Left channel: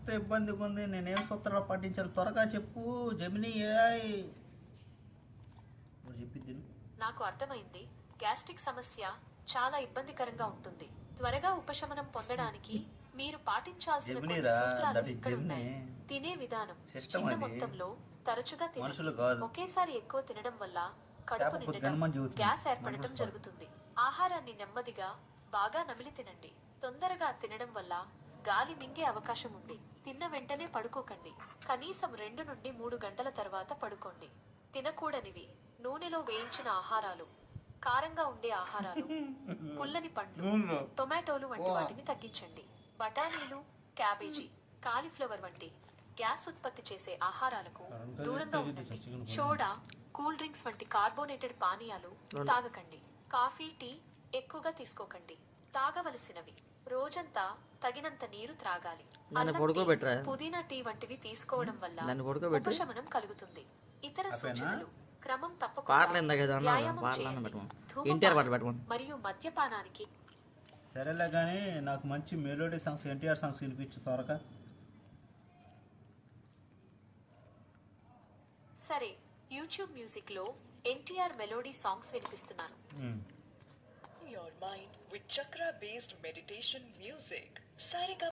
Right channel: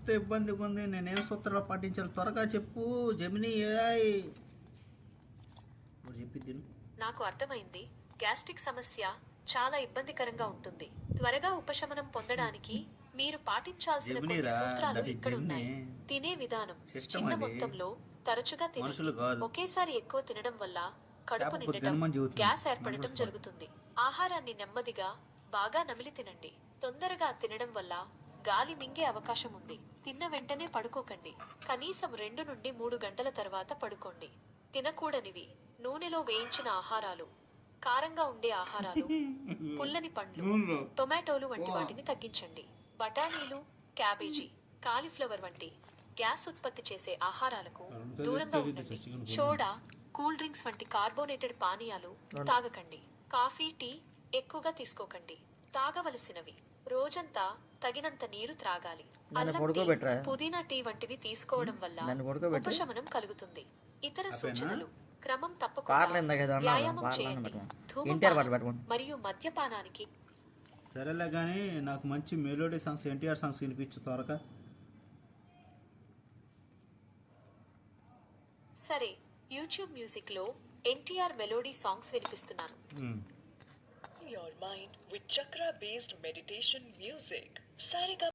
చెప్తే ఇబ్బందిగా ఉంది. నేనేం సూత్రాలు పాటించాలి త్వరగా చెప్పు జెమిని ఏఐ. నువ్వు చెప్పి నాకు అర్థమైంది. గ్యాస్ట్రిక్ సమస్య చాలా ఇబ్బందికరంగా ఉంటుంది. త్వరగా ఉపశమనం పొందడానికి మీరు పాటించాల్సిన కొన్ని సూత్రాలు ఇక్కడ ఉన్నాయి. తినే విధానం చిన్న మొత్తంలో తరచుగా తినండి. ఒకేసారి ఎక్కువ తినడం వల్ల కడుపు నిండటం, గ్యాస్ ఏర్పడటం జరుగుతుంది. ఆహారాన్ని నెమ్మదిగా బాగా నమిలి తినండి. తొందరగా తినడం వల్ల గాలి మింగే అవకాశం ఉంది. తిన్న వెంటనే పడుకోకండి. కనీసం 2 నుండి 3 గంటల తర్వాత పడుకోండి. తినకూడనివి: నూనెలో వేయించిన ఆహారాలు, కారంగా ఉండే ఆహారాలు, పుల్లని పండ్లు, టొమాటోలు వంటి వాటిని తగ్గించండి. బఠానీలు, క్యాబేజీ, కాలీఫ్లవర్ వంటి గ్యాస్ ఉత్పత్తి చేసే ఆహారాలకు దూరంగా ఉండండి. సోడా, కూల్ డ్రింక్స్ వంటి కార్బోనేటెడ్ పానీయాలు తాగకండి. కాఫీ, టీ ఎక్కువగా తీసుకోకండి. తాగవలసినవి: రోజంతా తగినంత నీరు త్రాగాలి. పుదీనా టీ వంటివి తీసుకోవడం వల్ల ఉపశమనం కలుగుతుంది. ఇతర సూచనలు: క్రమం తప్పకుండా వ్యాయామం చేయండి. ధూమపానం మరియు మద్యపానానికి. సరేలే కానీ నాకు మంచి మెలోడీ సాంగ్స్, ఎన్టీఆర్ సాంగ్స్ వినిపించు త్వరగా. సరే, యూట్యూబ్ మ్యూజిక్ లో ఎన్టీఆర్ మెలోడీ సాంగ్స్ వినిపిస్తున్నాను. Your mind with chakra based meditation music. Sariga